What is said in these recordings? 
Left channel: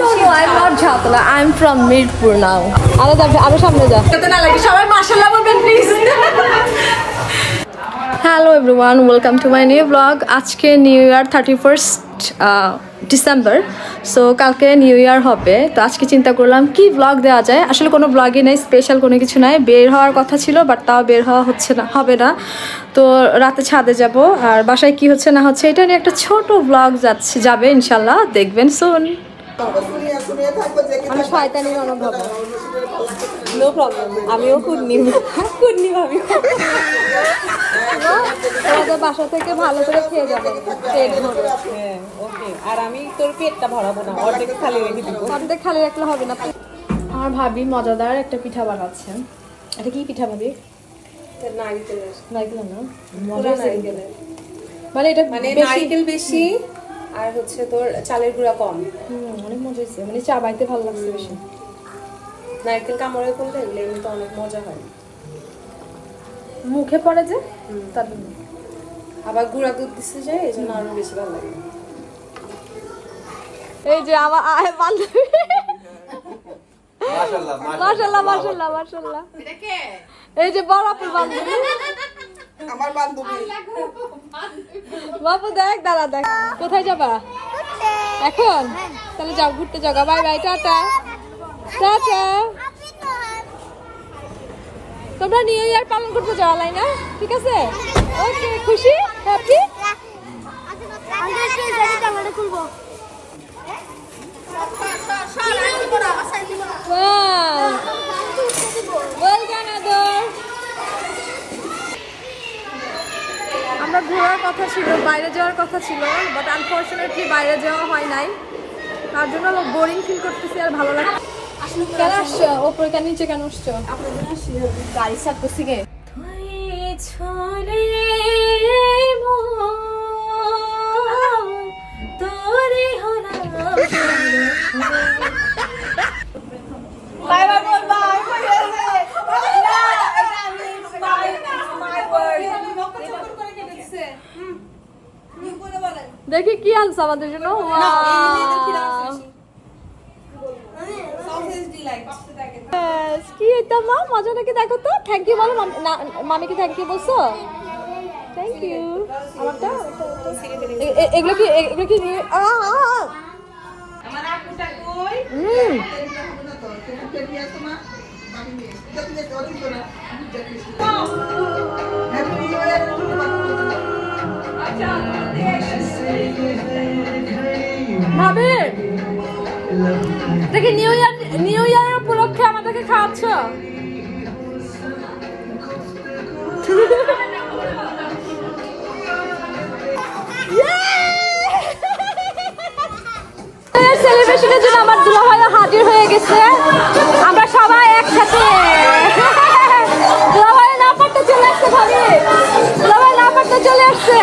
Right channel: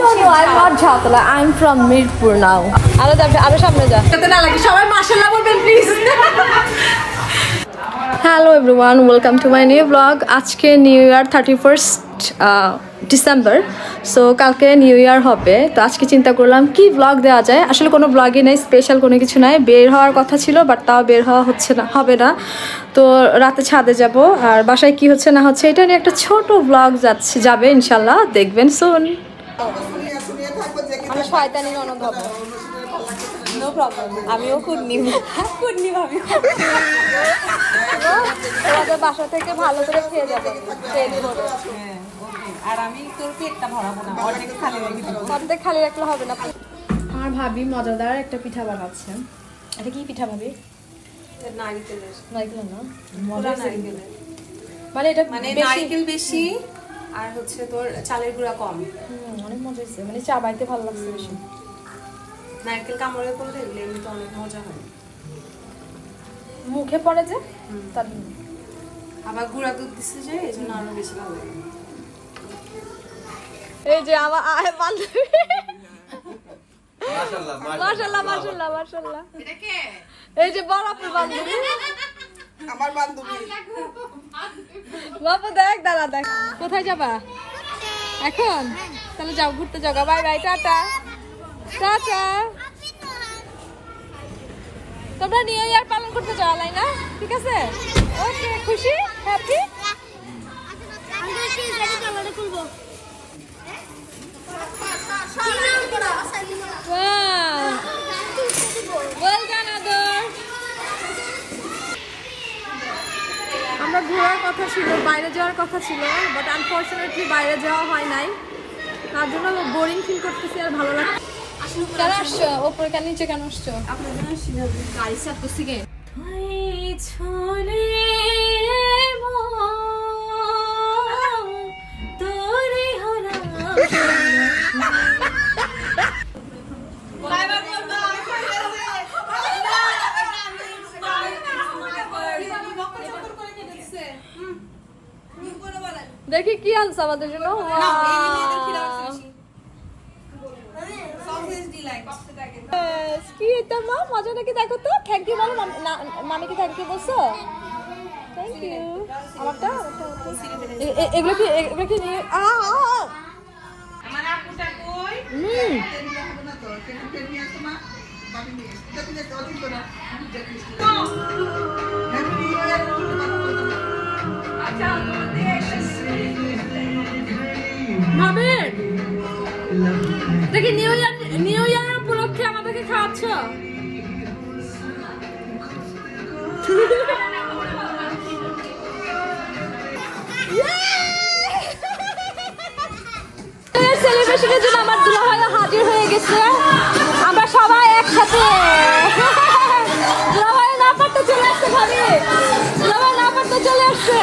no, I'm not Jhatala. I'm from Mirpur now. Hello everyone, welcome to my new vlog. আজকে new year 31st December, so কালকে new year হবে। তো আজকে চিন্তা করলাম কি ব্লগ দেওয়া যায়। আসলে কোনো ব্লগই নেই, স্পেশাল কোনো কিছু নাই। বের হওয়ার কথা ছিল, বাট তাও বের হওয়া হবে না। তো রাতে ছাদে যাব, আর বাসায় কি হচ্ছে না হচ্ছে এটা নিয়ে একটা ছোট ব্লগ যাবে ইনশাল্লাহ, দেখবেন সুন। বাসা থেকে ভালো করে খেয়ে যাবে আর আমি তোর পেটটা ভরাবো না, ওটাকে খালি রেখে দিব। ওটাকে খালি রাখলে হবে না। আমার ভাবি মজাদার একটা পিঠা বানাচ্ছে। এটা কি পিঠা ভাবি? নারকেলের। নারকেল না, মজা নারকেলের। মানে এটা মানে নারকেল বেশি আর হচ্ছে তোর চালের গুঁড়া কম। অনেক মজা হয়েছে, মানে চা বানাইতে ভালো লাগছে বেশি। নারকেল কামড়ে করলে এমনিতে অনেক মজা হয়, মুখে পড়ে যে, আবার গুঁড়া দুধ দিতে যায়, এই জন্য আরো বেশি ভালো লাগে। এই যে আমার বান্ধবী, মাশাআল্লাহ মাশাআল্লাহ মাশাআল্লাহ মাশাআল্লাহ, এটা কে? এই যে বড় আপুর বান্ধবী, আমার বান্ধবী। বাবু দেখ, দাঁড়া দেখ, কোথায় যাবা এখন? তাহলে যাও, ঘুরতে যাও। Bye bye, tata tata. তোমরা নিউ ইয়ার পালন করতে যাওয়া লাই না, ঠিক আছে? খুশি হ্যাপি? আমরা কি জানি জানলাটা খুলবো? আমরা ঘোরার কথা ছিল, বাইরে যাওয়ার কথা ছিল, বাট আনফরচুনেটলি বাইরে যাওয়া হয় নাই। তার জন্য বোরিং ফিল করতেছি, আর ভালো লাগছে। কেন আসছো ওপরে, কেন নিচে কেন আসছো? আপনার জন্য আসছি, গাড়ি স্টার্ট করছি গে। দেখি কি আনছো আমাদের জন্য। কি এটা মা, মজা নাকি? দেখো তো, থ্যাংক ইউ বলো। মামিকে থ্যাংক ইউ বলছো? Thank you. এগুলো কি ভাবে দেখি নিউ ইয়ার উপলক্ষে আমাদেরকে খাওয়াচ্ছ। সেলিব্রেশনের জন্য আমার দুলাভাই হাজির হয়ে গেছে। আমরা সবাই একসাথে। দুলাভাই না পারতে চলে আসছে, ভাবে দুলাভাই না পারতে চলে আসছে।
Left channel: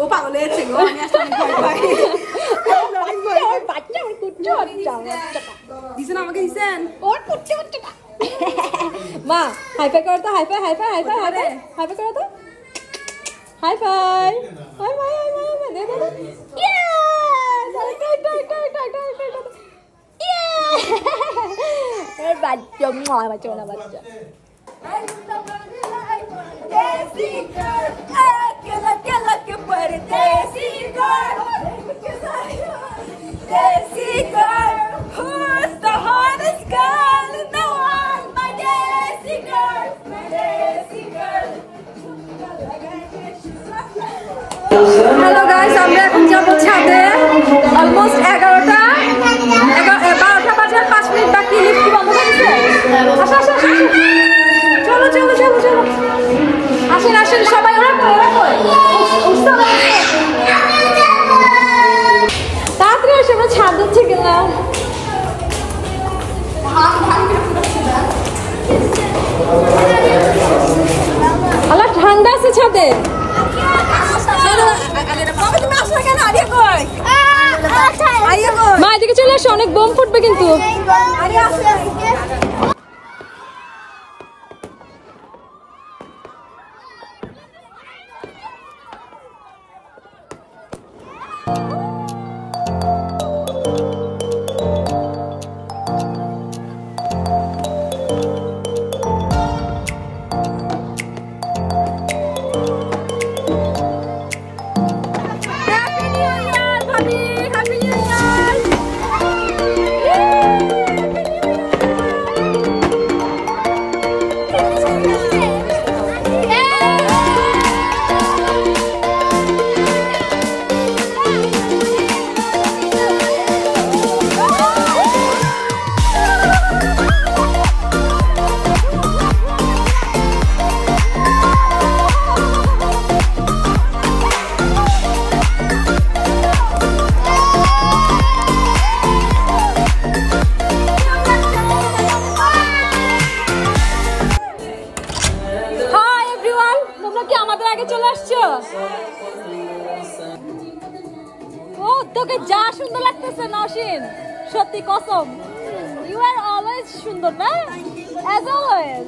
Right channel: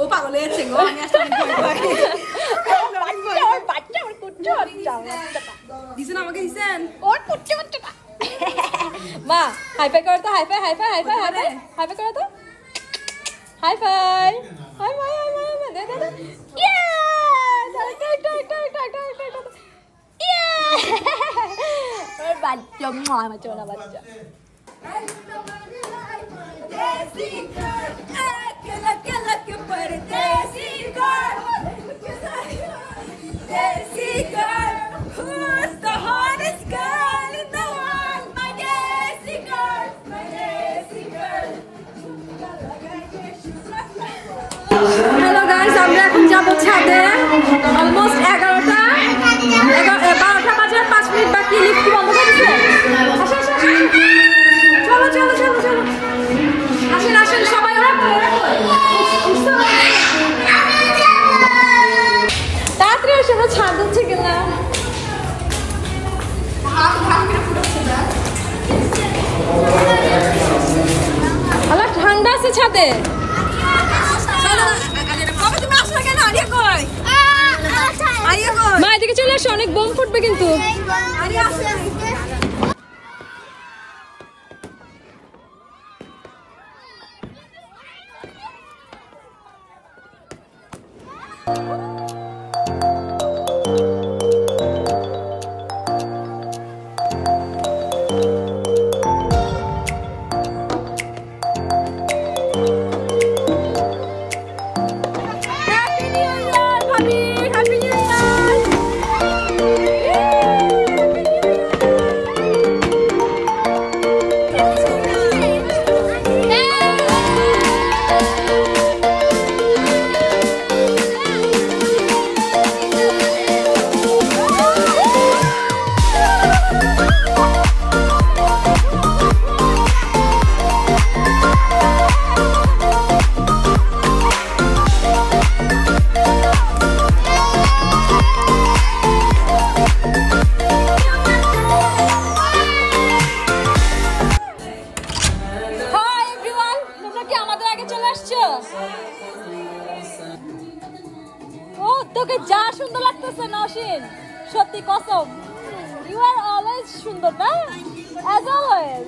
ও পাগল হয়েছে গো, আমি আসলে অনেক ভয় পাই, অনেক ভয় পাই। বাচ্চা আমার কুচ্চু অনেক দিছেন, আমাকে দিছেন ওর কুচ্চু কুচ্চু। মা হাই ফাই করো তো, high five high five high five high five করো তো, হাই ফাই হাই ফাই দেখো তো। বাচ্চা মা, বাচ্চা না বাচ্চা। Desi girl, aquela que puede. Desi girl, Desi girl, who's the hottest girl in the world? My Desi girl, my Desi girl. Hello guys, আমরা এখন যাবো ছাদে। অলমোস্ট 12টা বাজার 5 মিনিট বাকি। লিফট কি বন্ধ করেছে? আসো আসো, চলো চলো চলো চলো, আসেন আসেন সবাই। তাড়াতাড়ি আসে, আমরা ছাদ দিচ্ছে কিনা। আমার ঠান্ডা আছে ছাদে। তুমি আসলে কেন? মা এদিকে চলে আসো, অনেক বোম ফুটবে কিন্তু। সত্যি কসম ইউ আর অলওয়েজ সুন্দর না as always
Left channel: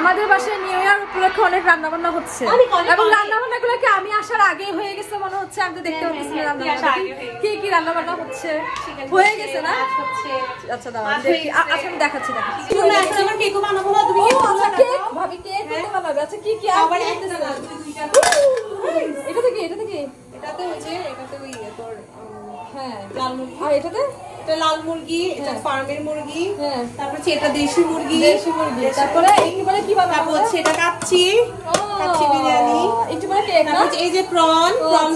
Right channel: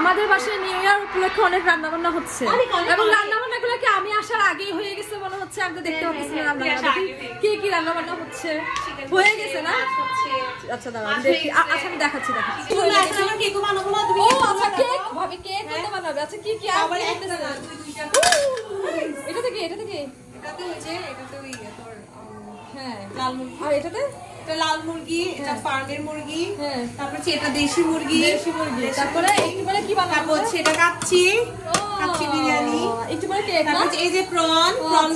আমাদের বাসায় নিউ ইয়ার উপলক্ষে অনেক রান্না বান্না হচ্ছে এবং রান্না বান্না গুলোকে আমি আসার আগে হয়ে গেছে মনে হচ্ছে। আমি তো দেখতে পাচ্ছি রান্না বান্না কি কি রান্না বান্না হচ্ছে হয়ে গেছে না। আচ্ছা দাঁড়াও দেখি। আচ্ছা আমি দেখাচ্ছি ভাবি কেক বানাবে। আচ্ছা কি কি এটা থেকে এটাতে হয়েছে এটাতে ওই তোর হ্যাঁ লাল মুরগি। আর এটাতে এটা লাল মুরগি, এটা ফার্মের মুরগি, তারপর এটা দেশি মুরগি, তারপরে এইবারে কি বানাবো? তারপর সেটা কাচ্চি বিরিয়ানি, এইবারে কেক না। তারপর এই যে প্রন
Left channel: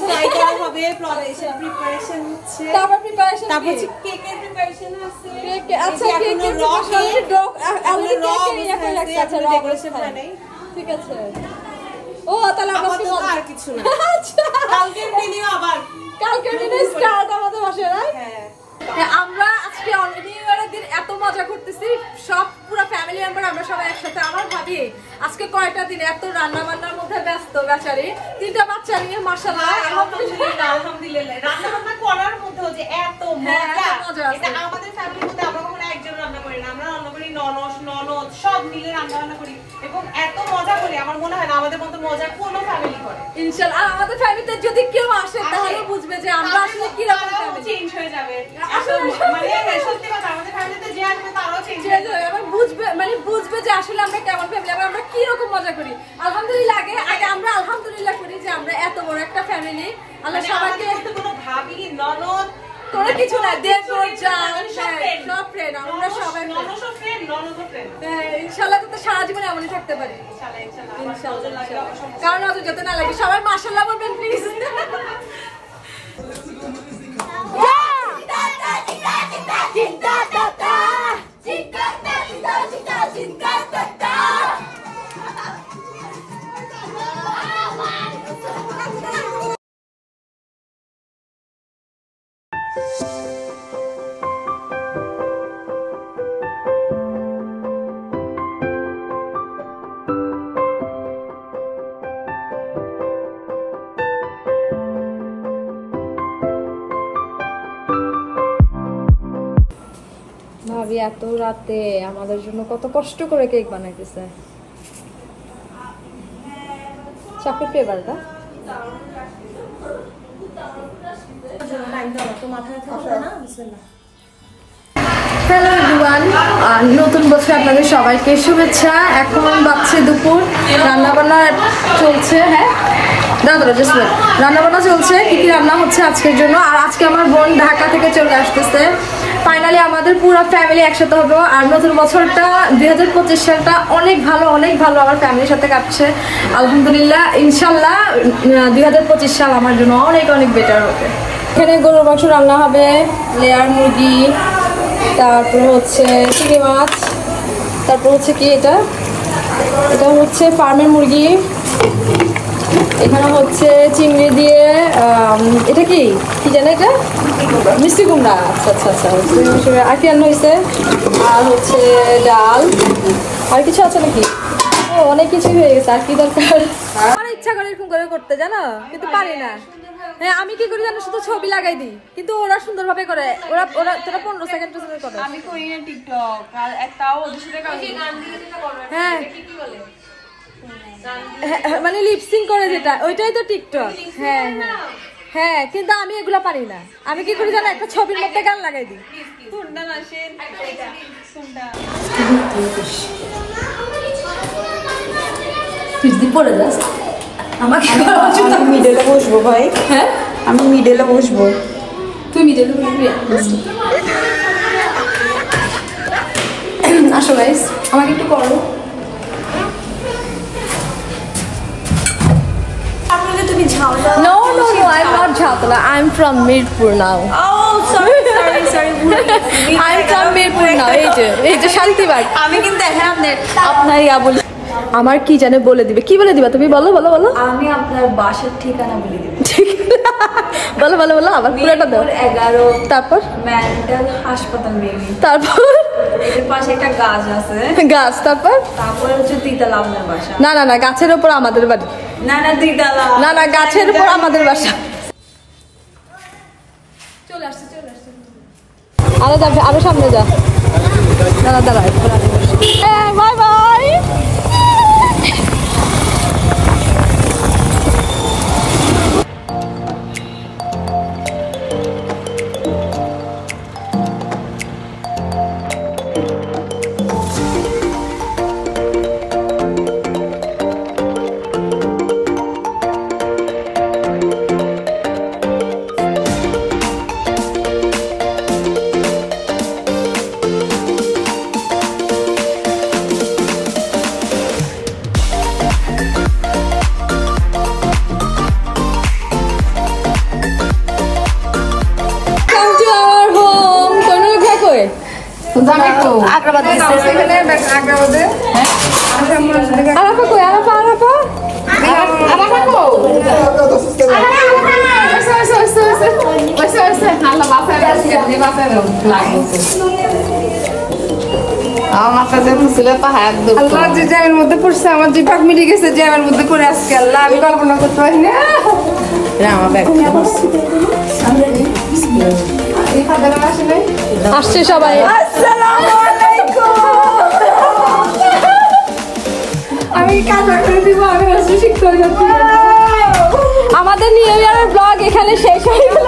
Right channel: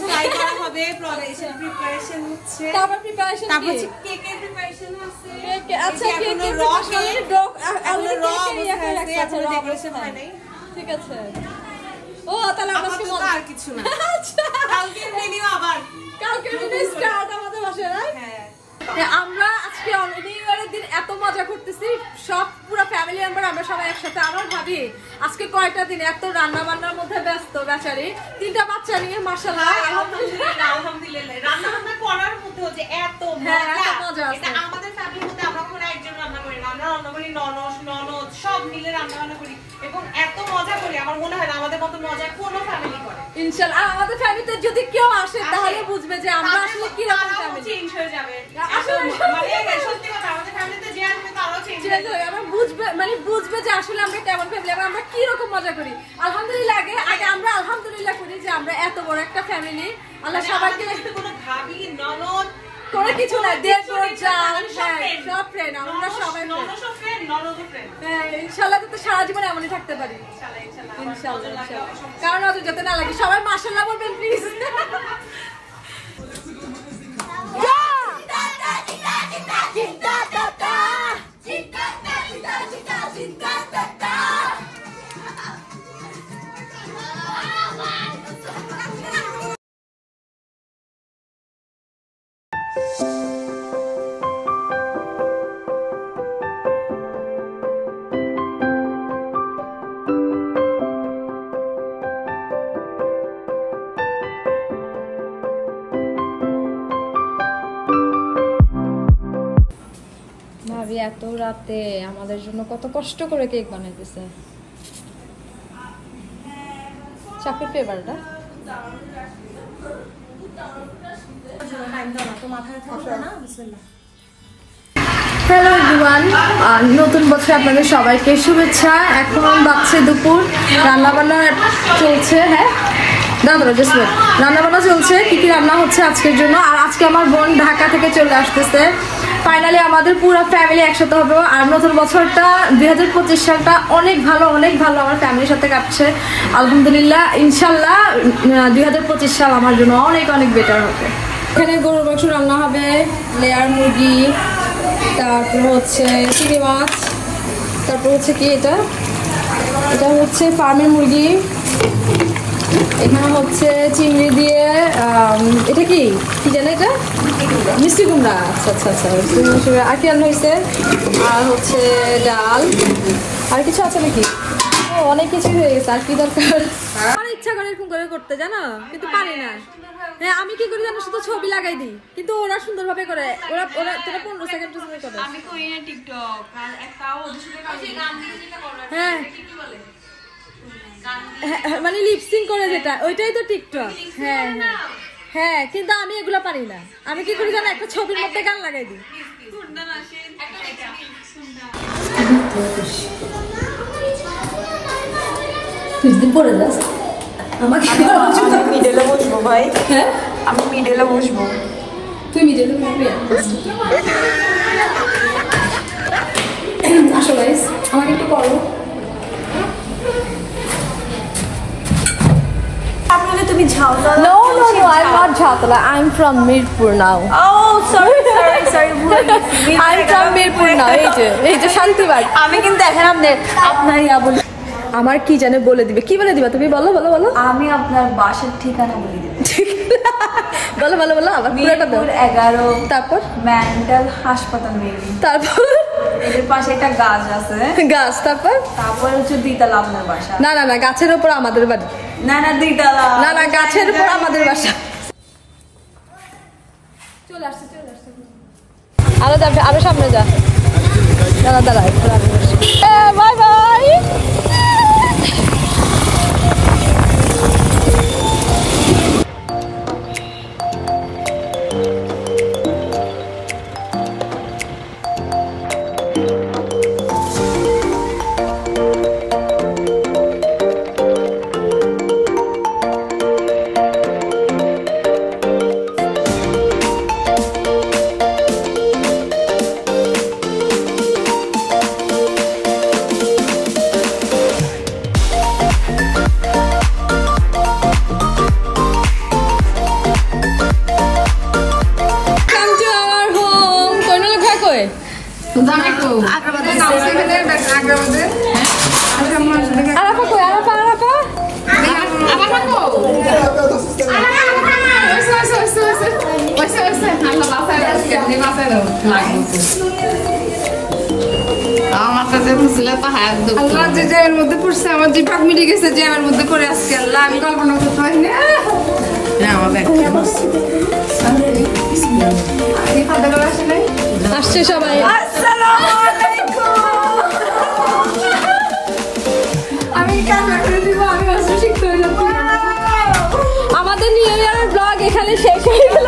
ফ্রাই করা হবে, প্রন এর প্রিপারেশন হচ্ছে, তারপর প্রিপারেশন তারপর কেকের প্রিপারেশন আছে। আচ্ছা এখনো র এখনো ডেকোরেশন হয় নাই। ঠিক আছে। ও তাহলে আপাতত আর কিছু না। কালকের মেনু আবার কালকের মেনু স্টার্ট আমাদের বাসায় না। হ্যাঁ আমরা আজকে নিউ ইয়ারের দিন এত মজা করতেছি, সব পুরো ফ্যামিলি মেম্বার আমরা সবাই একসাথে। আমার ভাবি আজকে কয়টা দিন এত রান্না বান্নার মধ্যে ব্যস্ত বেচারি, 3টা বাচ্চা নিয়ে মাশাআল্লাহ আলহামদুলিল্লাহ রান্না বান্না করার মধ্যে যে এত মজা এটা আমাদের ফ্যামিলির মধ্যে আমরা কখনো একজন রান্না করি না, আমরা রান্না করি ননদ সব মিলে রান্না বান্না করি এবং এত মজা করি। আমার মনে হয় না আমাদের মতো মজা কোনো ফ্যামিলি করে ইনশাআল্লাহ। আর আমাদের ফ্যামিলিতে যদি কেউ আসে তাহলে বুঝবে যে আমরা আসলে কি রকম ফ্যামিলি, চেঞ্জ হয়ে যাবে। মানে সত্যি কথা আমাদের ফ্যামিলিতে যে আসবে তারাও চেঞ্জ হয়ে যাবে, বুঝবে যে আসলে আমরা কেমন ফ্যামিলি, আমরা কি রকম মজা করি। আলহামদুলিল্লাহ আগে আমরা আলহামদুলিল্লাহ করি যে আমরা এত বড় একটা ফ্যামিলি। আল্লাহ সবাইকে কোনো ভাবি ননদ তোরা কিছু না দেশ সব ফ্রেন্ড, আমরা সবাই ইনশাআল্লাহ তো সারা জীবন এমনই থাকতে পারি ইনশাআল্লাহ। কারণ অত যেতে না লাগে। সবাই মাশাআল্লাহ বলবেন প্লিজ। ভাবি এত রাতে আমাদের জন্য কত কষ্ট করে কেক বানাইতেছে। চকলেট ফ্লেভারটা হ্যালো এভরিওয়ান, নতুন বছর আপনাদের সবাইকে শুভেচ্ছা। এখন বাজছে দুপুর, রান্নাবান্না চলছে। হ্যাঁ রান্নাবান্না চলছে। কি কি রান্না হচ্ছে আজকের জন্য। আর আজকে আমার বোন ঢাকা থেকে চলে আসতেছে। ফাইনালি আমাদের পুরো ফ্যামিলি একসাথে হবে। আর নতুন বছরটা 2025 সালটা অনেক ভালো আমার ফ্যামিলির সাথে কাটছে আলহামদুলিল্লাহ। ইনশাল্লাহ 2025 সাল আমার জন্য অনেক অনেক বেটার হবে। এখানে গরুর মাংস রান্না হবে, লেয়ার মুরগি, তারপরে হচ্ছে চিংড়ি মাছ, তারপর হচ্ছে কি এটা হচ্ছে ফার্মের মুরগি, এখানে হচ্ছে চিংড়ি দিয়ে এটা কি জানে এটা মিষ্টি কুমড়া। আচ্ছা আর কি রান্না হয়েছে। আর হচ্ছে ডাল, আর কিছু আছে নাকি? অনেক কিছু হয়ে গেছে, আর কি দরকার। আমার ইচ্ছা করে এরকম করে করতে জানো, কিন্তু পারি না। হ্যাঁ আমি কি করি জানো, শুধু ছবি লাগাই দিই, কিন্তু ওরা সুন্দর ভাবে করে। ওরা 15 সেকেন্ড করে। আমি করি না টিকটক, আর একটাও হ্যাঁ মানে লিপসিং করে যেটা, ওইটাই তো টিকটক। হ্যাঁ হ্যাঁ কিন্তু আমি এগুলো পারি না। আমি কি করি জানো, একটা ছবির মধ্যে গান লাগাই দিই। পড়ে যাস আমাকে মিডলে বসবো ভাই। হ্যাঁ আমি মিডলে বসবো, তুই মিডলে বসবি। আসো গাইস আমাকে একটু করো। তুমি Jhautala? No, I'm not Jhautala. I'm from Mirpur now. Oh, sorry. I'm from Mirpur now. এই যে শান্তিবাগ। আমি কিন্তু এখন আপনার বলি। আমার কি জানে বলে দিবে। কি বলে দিবা তুমি? বলো। আমি আপনার বাসার ঠিকানা বলে দিব। বলো বলো বলো আবার পুরোটা দাও। 11 তারপর মেন্টাল হাসপাতাল মেবি। তারপর এটার পাশে একটা গাছ আছে। গাছ। তারপর তারপরে হচ্ছে দ্বিতলা আপনার বাসা। না না না, গাছের উপর আমাদের বাড়ি। না না দ্বিতলা। না না, গাছের উপর আমাদের বাসা। চলে আসছে চলে আসছে। আলাদা আরো সামনে যা। Bye bye. আল্লাহ যে জ্যামের মধ্যে পড়ছে, আমার যে পাক মিলে গেছে জ্যামের মধ্যে পড়ে আজকে। আল্লাহ আমি কল্পনা করতে পারি না। আমার ব্যাগ আসছে সবাই। আসসালামু আলাইকুম। আমি কান্না করে দিব, আমি আসলে শিখতে হয়ে যাচ্ছি। আমাদের নিউ ইয়ারের ব্লগ এখানে শেষ হয়ে গেল।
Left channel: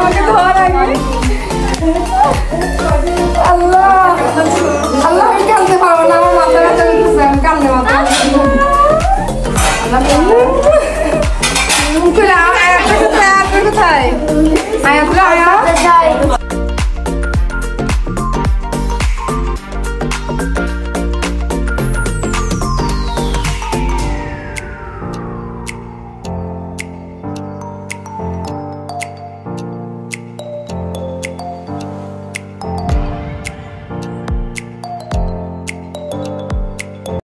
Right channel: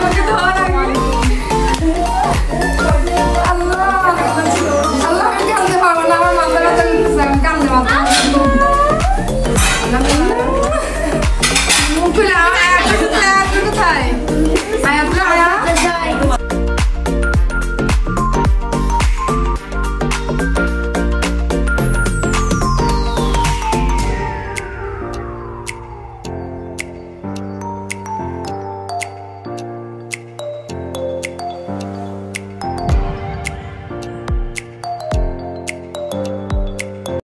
আমাকে ধোয়া লাগবে। আল্লাহ আল্লাহ, আমি কাঁদতে পারবো না, আমার মাথা ব্যথা করতেছে, আমি কাঁদতে মাথা কোথায়?